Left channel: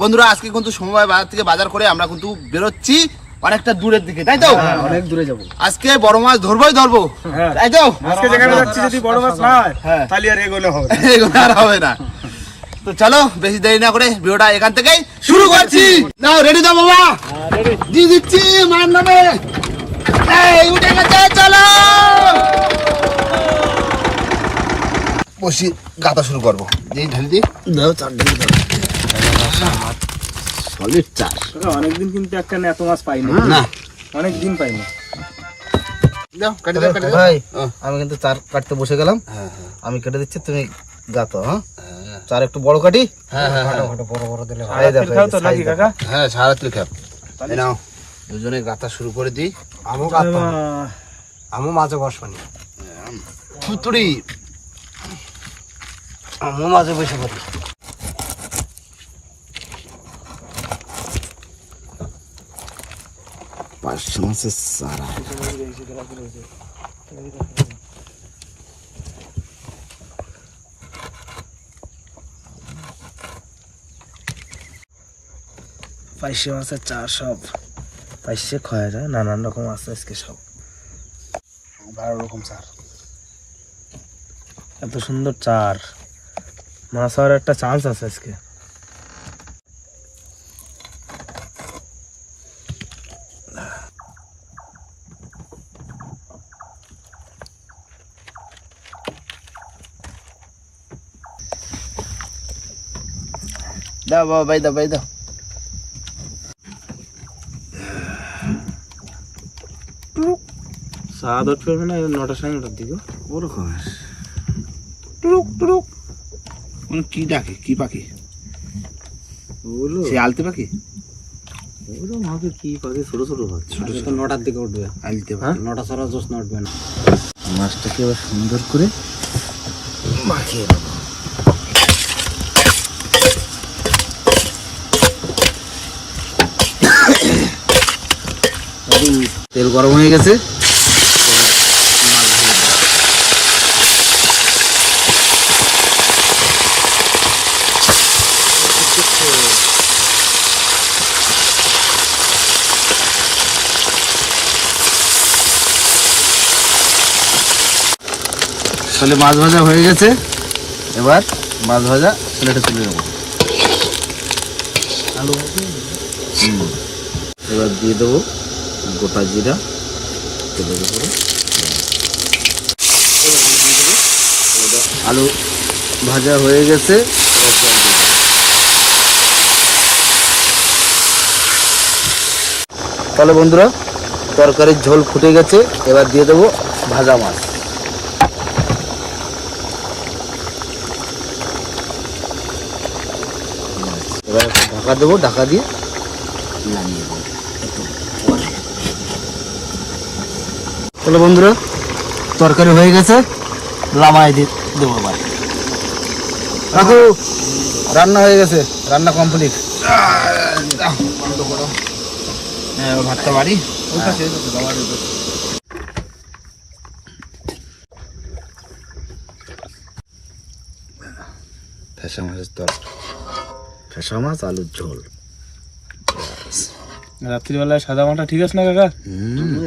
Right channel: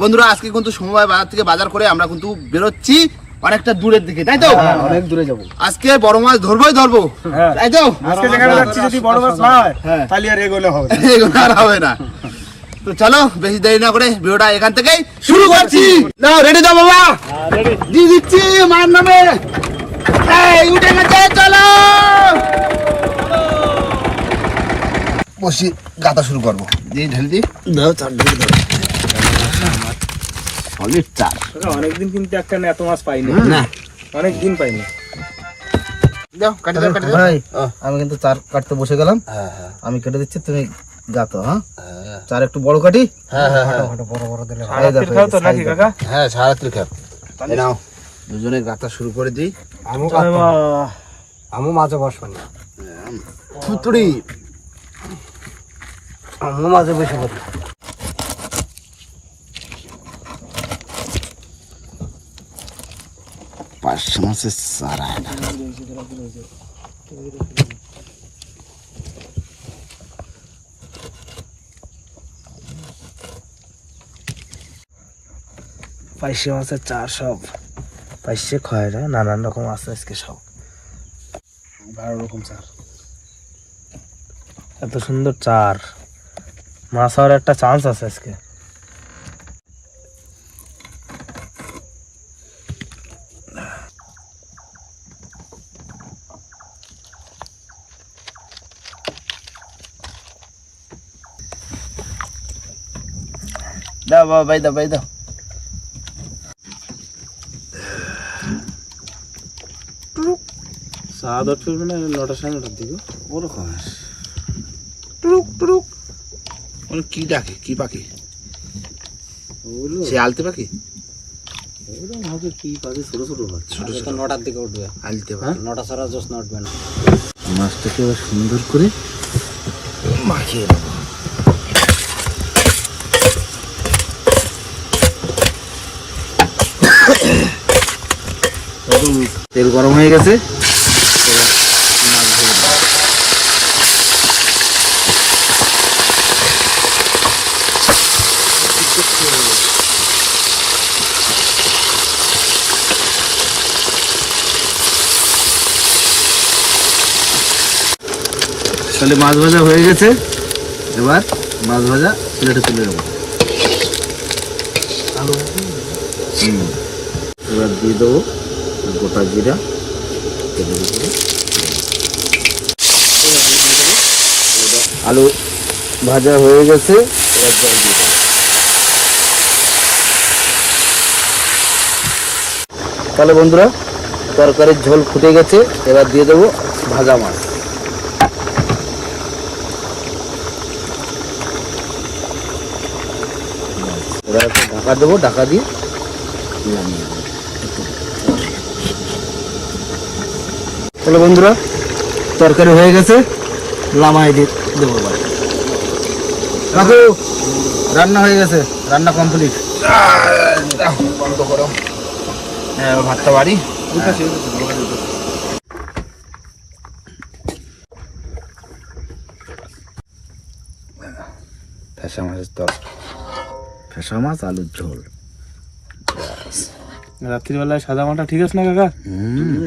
বন্ধুরা আজকে কিন্তু সময় বাজার থেকে বাজার করে আমরা কিন্তু বেরোচ্ছি অনেকটা দূরের দিকে, তাই তো? অনেক দূরে যাবো আজকে বড় মাছ ধরবো, তাই তো? আজকে যেখানে যাচ্ছি যদি বড় মাছ না হয় তাহলে আর এগোলে হবে আর হবে না। তো চলো বেশি দেরি না করে ভিডিওটা এখান থেকেই শুরু করছি। নাও রেডি দাও বাবা, দিয়ে দিচ্ছি মার নামে। এই উঠে গেছে, চলো বসি গাতা শুরু করবো। দিয়ে ঢাল দি দাও, চার দিয়ে দাও। সলিড চার। অনেকদিন কিন্তু একটা এত মাছ পাইনি, অনেকদিন পাইনি। দাও কাটি দাও, কাটি দাও ভাই। আমি কিন্তু চার কাটতে বসে গেলাম। আমি কেটে দিচ্ছি, তুমি গাতো। চার একটু বড় কাটি। বড় দিলে সাইজ দেখো, সাইজ দেখো। হ্যাঁ সারাত্রি খাপ। এই নাও দুজনে গাতা শুরু করে দিই। আমু মাঝে বসবেন থুতুড়ি আমু মাঝে বসে পড়ি। পাঁচশো মাসের সারা পাইশে মাছের চার সব পাইশে খয়রা নানান রকম আছে আজকে সব 12 রকম চার। এত সুন্দর চার মাছ হওয়ার একটা চান্স আছে আজকে। দাও বাবা, বাই দাও, বাই দাও। সাত আট করবে না, 9টার সময় 9টার দিকে ওরকম টুরুক টুরুক মানে কি ডাকে, কি পাখি? ওগুলো সে আলতে পাখি, ওগুলো মাকে কি পাখি ছোট ছোট হচ্ছে। ছোট ছোট 9টার দিকে উঠবে, আলতে পাখি। 9টা ছাড়া জোস না উঠবে না। মাছটাকে এবার সুন্দর করে মাখিয়ে নেব। তেল গরম হয়ে গেছে, তাহলে মাছ ভাজা হয়ে গেছে। এবার মাছ ভাজা প্লেটে তুলে নেব। এবার দিয়ে দেবো গোটা জিরা তেলের উপরে। আলু ভাজা হয়ে গেছে, এবার জল দিয়ে দেবো। তাহলে বন্ধুরা তরকারির ঝোল ফুটে গেছে, এবার দিয়ে দেবো ভাজা মাছ। এবার ঢাকা দেবো, ঢাকা দিয়ে তাহলে বন্ধুরা তরকারি হয়ে গেছে, লামাই দিয়ে দেবো। কাকু রান্না হয়ে গেছে, রান্না কমপ্লিট। বন্ধ করো। হ্যাঁ ভাতটা বাড়ি ফেসা মাছের তরকারি, ফেসা মাছ আলুর ঝোল। রাত্রিবেলায় সাদা মাটা ঠিক আছে না কাকা?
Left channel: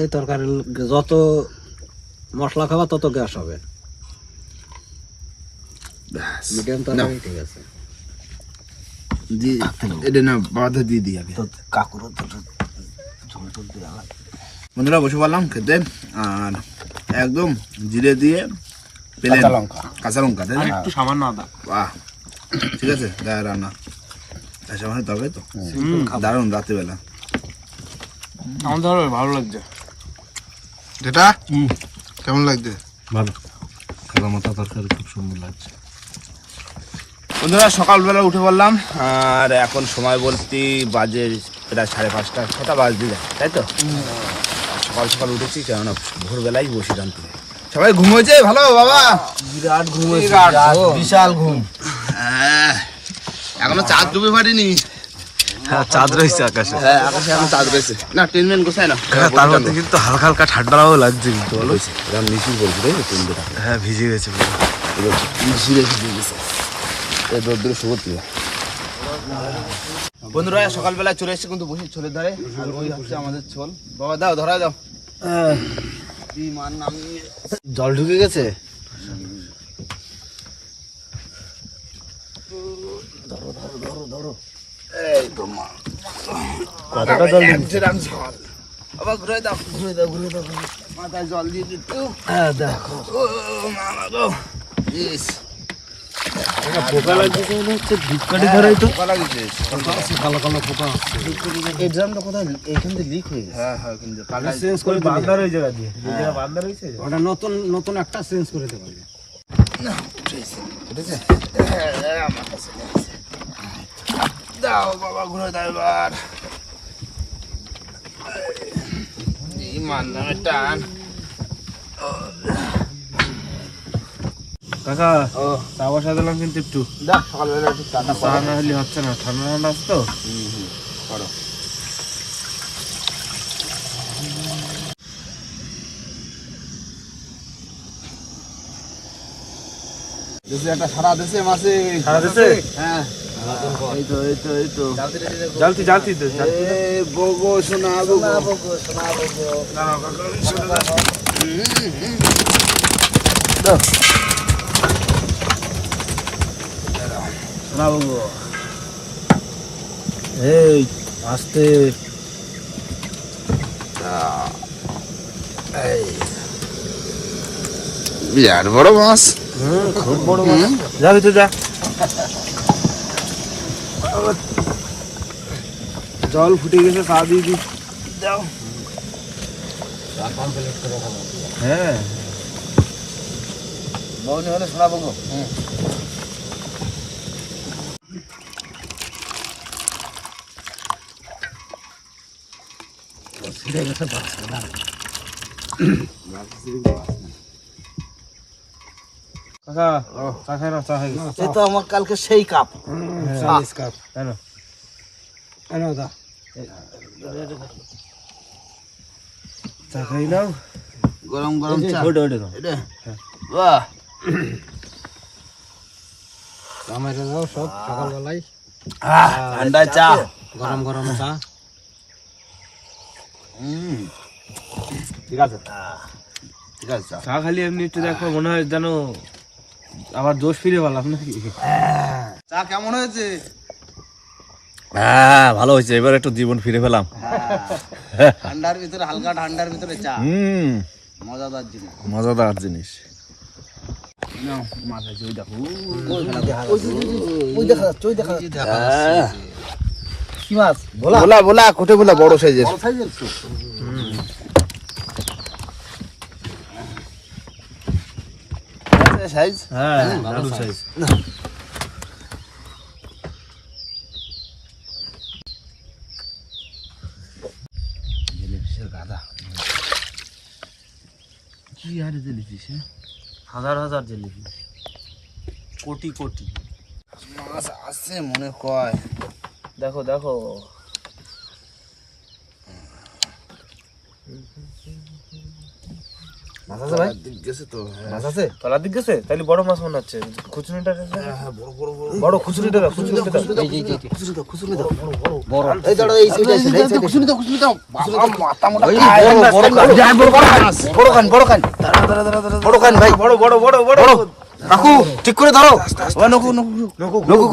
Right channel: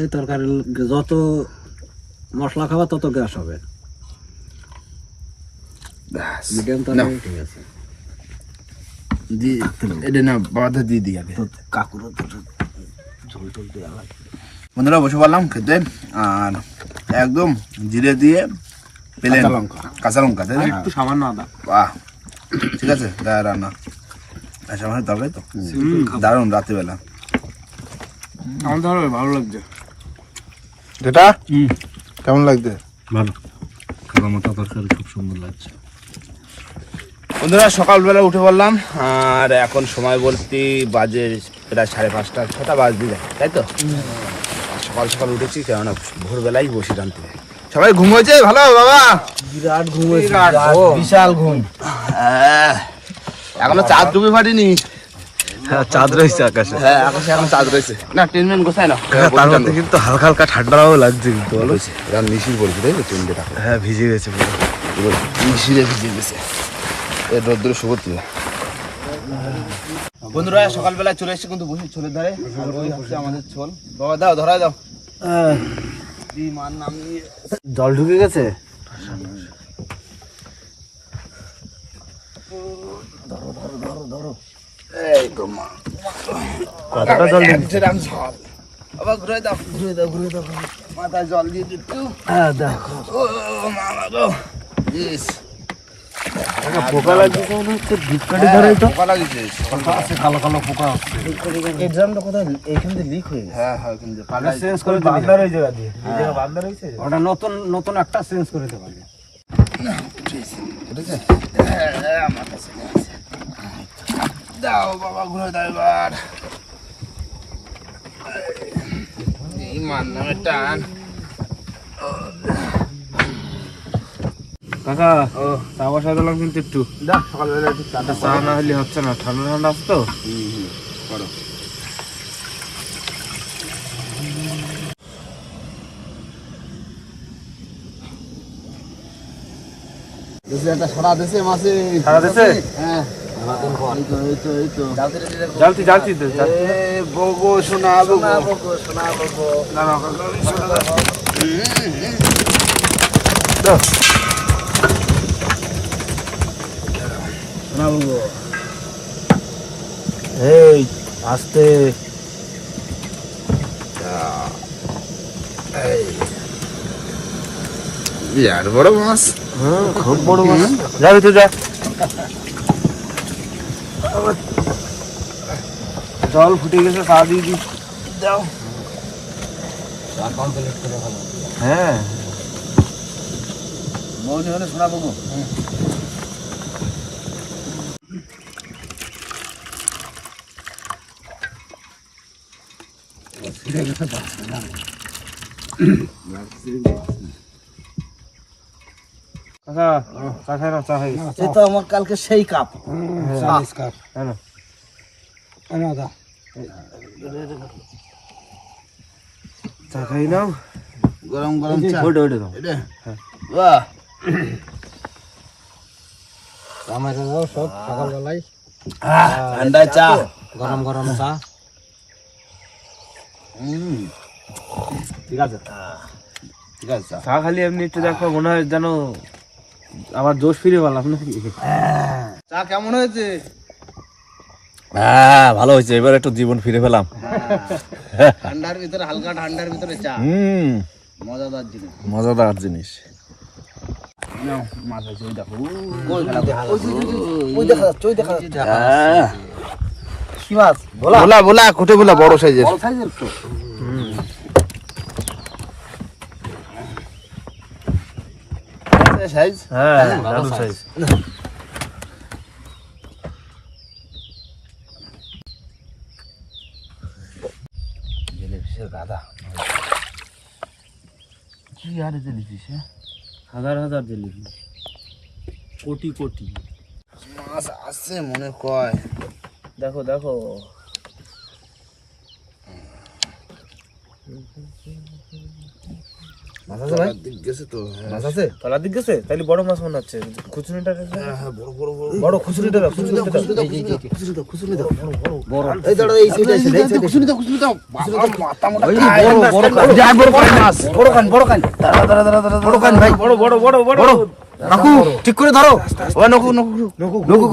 এই তরকারি যত মশলা খাওয়া তত গ্যাস হবে। মিডিয়াম তরকারি ঠিক আছে। এটা না বাধা দিয়ে দিয়ে যাবে। কাকুরও ঝোল টোল দিয়ে আলাদা। বন্ধুরা বসে পড়লাম খেতে, আর একদম জিরে দিয়ে প্লেন কাঁচা লঙ্কা, তাই না? একটু সামান্য আদা। বাহ, ঠিক আছে। রান্না ফেসা মাছের তরকারি তো দারুণ। রাত্রিবেলা আমাদের ভালো লাগছে। যেটা কেমন লাগছে? ভালো, কালো মাথা তরকারি খুব সুন্দর লাগছে। বন্ধুরা সকালবেলা উঠে পড়লাম, আর এখন সময় বলতে বাজে প্রায় 5:30, 6টা বাজতে যায়, তাই তো? সকাল সকাল উঠেছি, কেননা ভোরবেলায় বসি টানতে। সবাই ঘুম হয়েছে? ভালো বাবা, বিরাট ঘুম হয়েছে, বিশাল ঘুম। এখনো চাঁদ ডুবে পারিনি। চাঁদ রয়েছে আকাশে। চাঁদ রয়েছে না, টেনমেন গোছায় না। তার মধ্যে কিন্তু হালকা হালকা ঠান্ডাও লাগছে কিন্তু, বলো মিশিয়ে পড়েছি, তাই তো? হ্যাঁ ভিজে গেছে পুরো। বন্ধুরা সকালবেলা চলে এসেছে কিন্তু বসে ছোলের ধারে, আর ওই হচ্ছে আমাদের ছোল। বাবা দাও, ধরা দাও। মার নাম নিয়ে জল ঢুকে গেছে। এই তো মা, কতটা জল দিচ্ছে রাম ঝাল। বাবা ঘুরে দাও, ঘুরে দাও, ঘুরে দাও, মাথায় জল দিয়ে দিচ্ছু। হ্যাঁ দেখো ও মামা গো, ইস পোকা লাগছে মনে হচ্ছে, ধূপকাঠি ধরেই তো পোকা লাগিয়েছে। কালো কালো পোকা আসছে। এই ড্রামটা কোথায়? এইখান থেকে লিক হয়ে গেছে। হ্যাঁ হ্যাঁ, কিন্তু পাল্লা চেঞ্জ করে বান্দার ওই জায়গা দিয়ে যে জায়গা বান্দা রয়েছে ওটা নতুন নতুন একটা চেঞ্জ করে দেবো। ঠিক আছে। হ্যাঁ, আমার কাছে নেই। দাও বাবা, ঘুরে দাও এবার। এই মান নামে টান। কাকা চা বসা দিলাম কিন্তু একটু দাও, সকালবেলা একটু চা দাও। চা না হলে হচ্ছে না, ঠান্ডা ঠান্ডা আছে তো। আরে। দেশে একটা সারা দেশে মাসে সারা দেশে? হ্যাঁ, এই তো এই তো এই তো জ্বালতি জ্বালতি তো এ বগো সোনা বগো সোনা বগো। সোনা বগো। এই আস্তে। বিরাট বড় মাছ। যাবি তো যা। জল ফুটে গেছে, পা দিয়ে দি দাও। কমপ্লিট করে খাবো। হ্যাঁ মনে হলে সোনা বগো। কাকা চা খাই না, চা খাই গেছে। এ তো আমার কালকে সেই কাপ। কাপ। কেন চা খাই নাও। গরম গরম চা। ওটা ওটা দাও। এটা বাহ, আমার দাও সব সকালবেলায় ঠান্ডা চা। গরম গরম চা। ঠিক আছে, ঠিক আছে চা। চা খালি এমনি একটু দেখো, মনে হয় যেন আবার জোশ ফিরে পেলাম নাকি। চা কেমন হয়েছে? হ্যাঁ ভালো হয়েছে, এবার একটু জীবন ফিরে পেলাম। ঠান্ডার ভিতরে, হালকা ঠান্ডার ভিতরে চা মজাদার জিনিস। মজাদার জিনিস। নাও, মাথায় চই দেখো। ওই দেখা যাচ্ছে, ওই দেখা যাচ্ছে। কি মাছ? ভোলা। ভোলা ভোলা, কুটে ভোলা, বড় সাইজের। বড় সাইজের তো। সাইজ। হ্যাঁ দারুণ সাইজ। কি আর দিলিস? হাজার হাজার জিলিপি, কোটি কোটি মাছ আছে মনে কয়। দেখো দেখো। মাছ আছে ভাই? দিক গেছে তো। মাছ আছে? তলার দিক গেছে, তাহলে বড় মাছ মনে হচ্ছে। খুচুনিটা হ্যাঁ, বড় বড় বড়। বড় খুচুনিটা খুচুরি দাও, খুচুরি দাও, খুচুরি দাও। বড়। এই দাঁড়াও, এই সাইডে এসে, এই সাইডে। খুচুরি দাও, খুচুরি দাও। বাবা, মাথা মোটা। যা বড় কান মাছ, বড় কান, বড় কান। বড় কান ভাই, বড় বড় বড় বড়। রাখো, ঠিক করে ধরো। নৌকো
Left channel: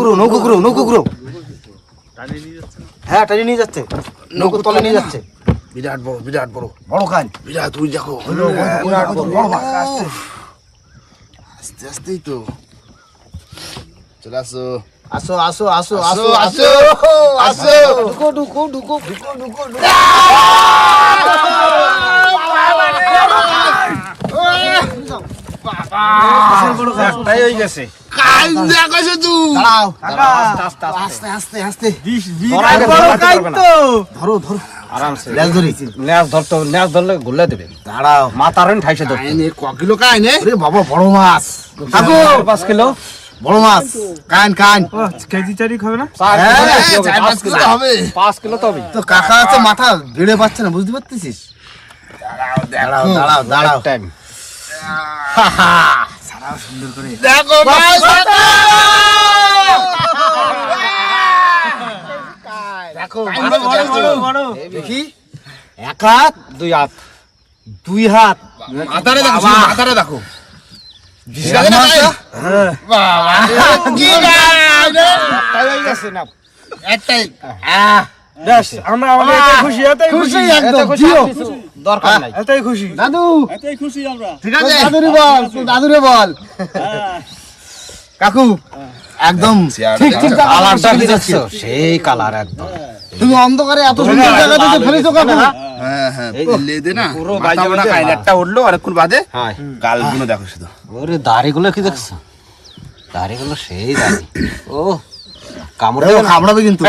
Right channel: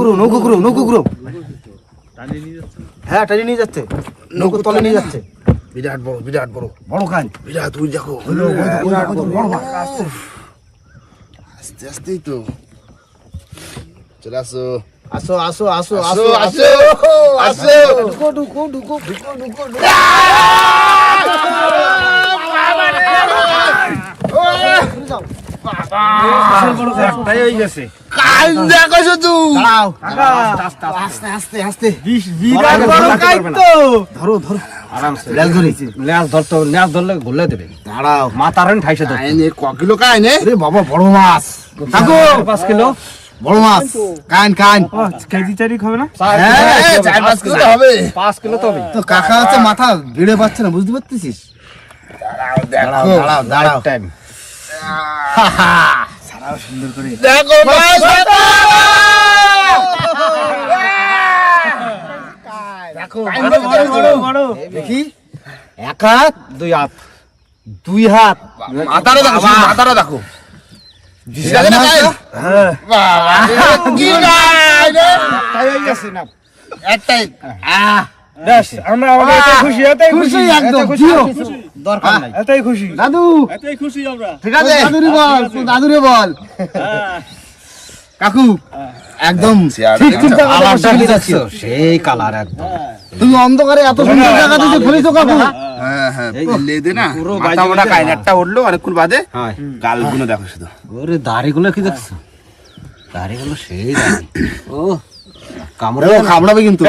গুরু। হ্যাঁ, টানি নিয়ে যাচ্ছে। নৌকো তলে নিয়ে যাচ্ছে। বিরাট বড়, বিরাট বড়। বড় কান। বিরাট, তুই দেখো। বড় মাছ। আস্তে আস্তেই তো চলে আসো। আসো, আসো, আসো, আসো, আসো, আসো, আসো। ঢুকো, ঢুকো, ঢুকো, ঢুকো, ঢুকো, ঢুকো। তাই হয়ে গেছে। কাল দেখো তুই। দাঁড়াও। আস্তে, আস্তে, আস্তে। বিরাট বড় কাইত তো। ধরো, ধরো। আরামসে। লেজ ধরেছি। লেজ ধরতে হবে, লেজ ধরলে ঘুরলে দেবে। দাঁড়াও। মাথার ঠাইছে তো। কাইনে ক কিলো কাইনে? আরে বাবা, বড় মাছ। কাকু, 5 কিলো। বড় মাছ। কান, কান। কেজি চারি খাবে না? হ্যাঁ, 4-5 কিলো তো হবে। 5 কিলো তো হবে। তো কাকা তো মাথা ভিড়ে পাচ্ছে না, বুঝতে পারতেছিস? দাঁড়াও, দেখো। দাঁড়াও, দাঁড়াও। হা হা। দেখো ভাই, দেখো কাইন্দে বড়, দেখি, এক হাত দুই হাত, দুই হাত মাথাটা দেখো, শুধু মাথাটা দেখো। ঠিক আছে না ভাই? হ্যাঁ বাবা, কি গাছ রে? একটাই। ব্যাস আমরা আমাদের এটাই খুশি, এটাই খুশি, একদম এটাই জিও, খুশি, দরকার নাই। এটাই খুশি। দাদু এটাই খুশি আমরা। ঠিক আছে? দাদুরে বল, তুই দাদুরে বল। কাকু একদম ঠিক ঠিক জায়গাতে বসে যাচ্ছ, সেই কালার একদম। তুমি অন্ধকারে এত সুন্দর জায়গাতে যে ফেলেছো কাকু। হ্যাঁ হ্যাঁ, লেদে না মাথা মোটা কাইনারটা উঠলো অনেকক্ষণ বাদে। হ্যাঁ। গালগুলো দেখো শুধু। ওরে দাড়িগুলো কি দেখছো? দাড়িগুলো সেই দাড়ি। ও কামড়াবে, কামড়াবে কিন্তু।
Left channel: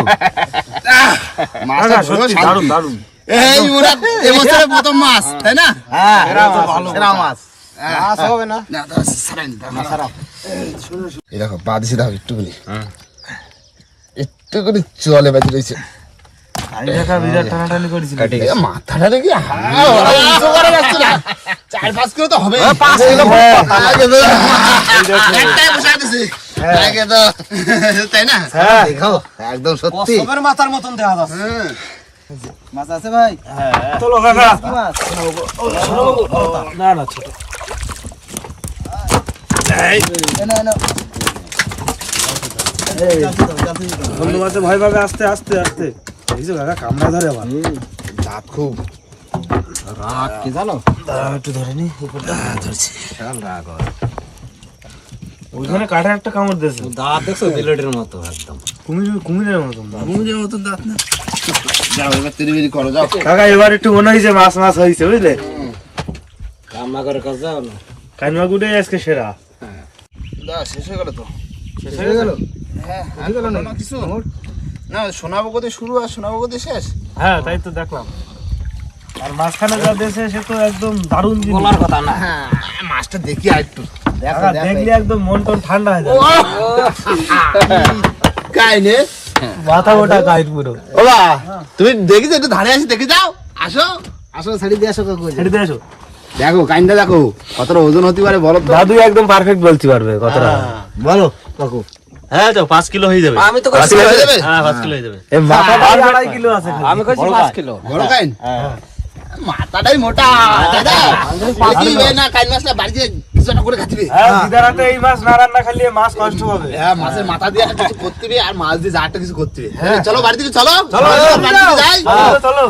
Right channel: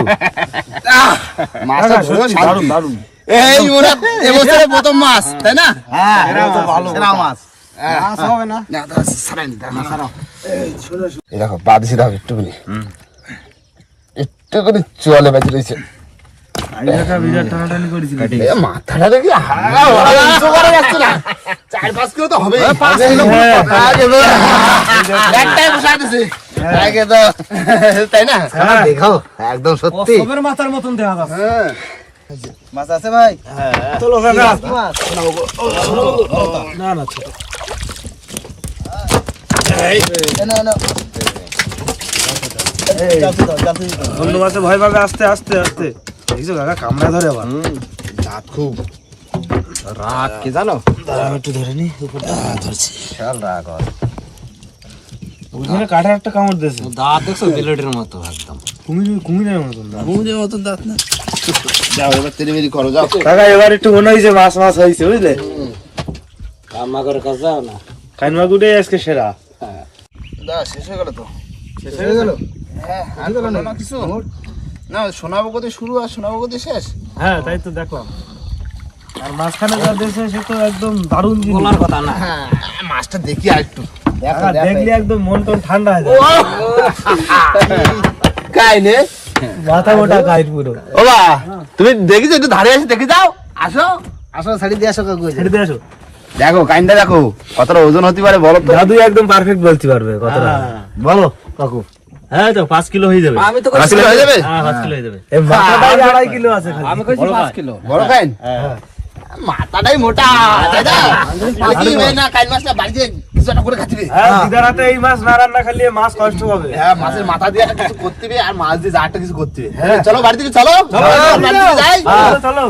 মাথা পুরো শান্তি। দারুণ দারুণ। এই ওরা এবছরের প্রথম মাছ, তাই না? হ্যাঁ, এটা তো ভালো সেরা মাছ। মাছ হবে না। না, দাও, ছাড়াই নি, দাও। এই দেখো বাদিছে, দেখো একটুখানি একটুখানি চলে বেঁচে রয়েছে। এ মাথাটা দেখি উঁচু করে যাচ্ছে না, 4-5 কিলো তো হবে। একটাই বসা দিছে। আগে তো, তাই না? দেখাও, একদম সত্যি। মাথার মতন দেখা যাচ্ছে। হ্যাঁ। মাছ আছে ভাই? চলো কাকা। না না ছোট। অন্য মাছে ভয় পাবে, আস্তে আস্তে আস্তে। দেখছো কাকা কামড়ায় ধরে আবার। দাঁত খুব রাত কি জানো? দাঁড়াও একটু ধরে নি উপরটা। বিশাল রাগ হয়। ওইখানে কাঠে একটা কামড় দিয়েছে। দাঁত দেখছো বিলেটের মতো একদম। কুমিরের মতন দাঁত। মুজের মতন দাঁত না। যাও এবার তেরি করো, যাও। কাকা এবার একটু মনে হয়েছে মাছ মাছ হয়েছে বুঝলে। আমাদের কাছে যাও না। কাইনমাগুড়ে আজকে সেরা। দা শেষ হয়ে গেল তো। শেষ হয়ে গেল? হ্যাঁ, আর হলো না কিছু। না, সোনাবগতি শুরু আর সোনাবগতি শেষ। হ্যাঁ তাই তো দেখলাম। আর মাঝখানে যা দিয়েছে সে তো একদম দারুণ জিনিস। বলার কথা না। হ্যাঁ, মাছটা দেখি আর একটু। দেখো কাকা দেখলে একদম মন টন ঠান্ডা হয়ে যায়। কাইনে মাথা মোটা কাইট পুরো। ওবা, তুমি দেখিছো একটু ধারে আসি দেখে যাও। আসো, আসো ছাড়ি দিয়ে আসো কাকু। ছেড়ে দিয়ে আসো। দেখো কাইনটা দেখো কতটা ওজন হতে পারে বলো তো। দাদু একদম পারফেক্ট বলতে পারবে কথাটা। বলো কাকু। হ্যাঁ তো 5 কিলো হয়ে যাবে। আমি তো পাঁচ কিলো হয়ে যাবে? হ্যাঁ 5 কিলো হয়ে যাবে। এই মাথাটাই 2.5 কিলো আছে খালি। আমি কইছি 5 কিলো। বড় কাইন? মাথাটাই মোটা, দাদা। বাকি না কাইন মাছটা বাড়িতে কিছু একটা করে খাচ্ছিবে। হ্যাঁ দিদারাতে এই মাছ না রান্না খালি মাছ কষ্ট হবে। হ্যাঁ, মাছের মাথা দিয়ে একটা কিছু করতে হবে আর মাছ দিয়ে যা একটা কিছু করতে হবে। চলো বাড়ি থেকে চলো, চলো বাড়ি থেকে যাই। চলো চলো।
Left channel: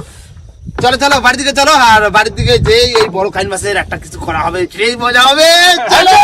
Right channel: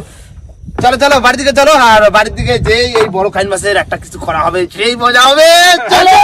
চলো চলো বাড়ি থেকে চলো, আর বাড়ির দিকে যে এই বড় কাইন মাছের একটা কিছু করা হবে, সেই মজা হবে। চলো।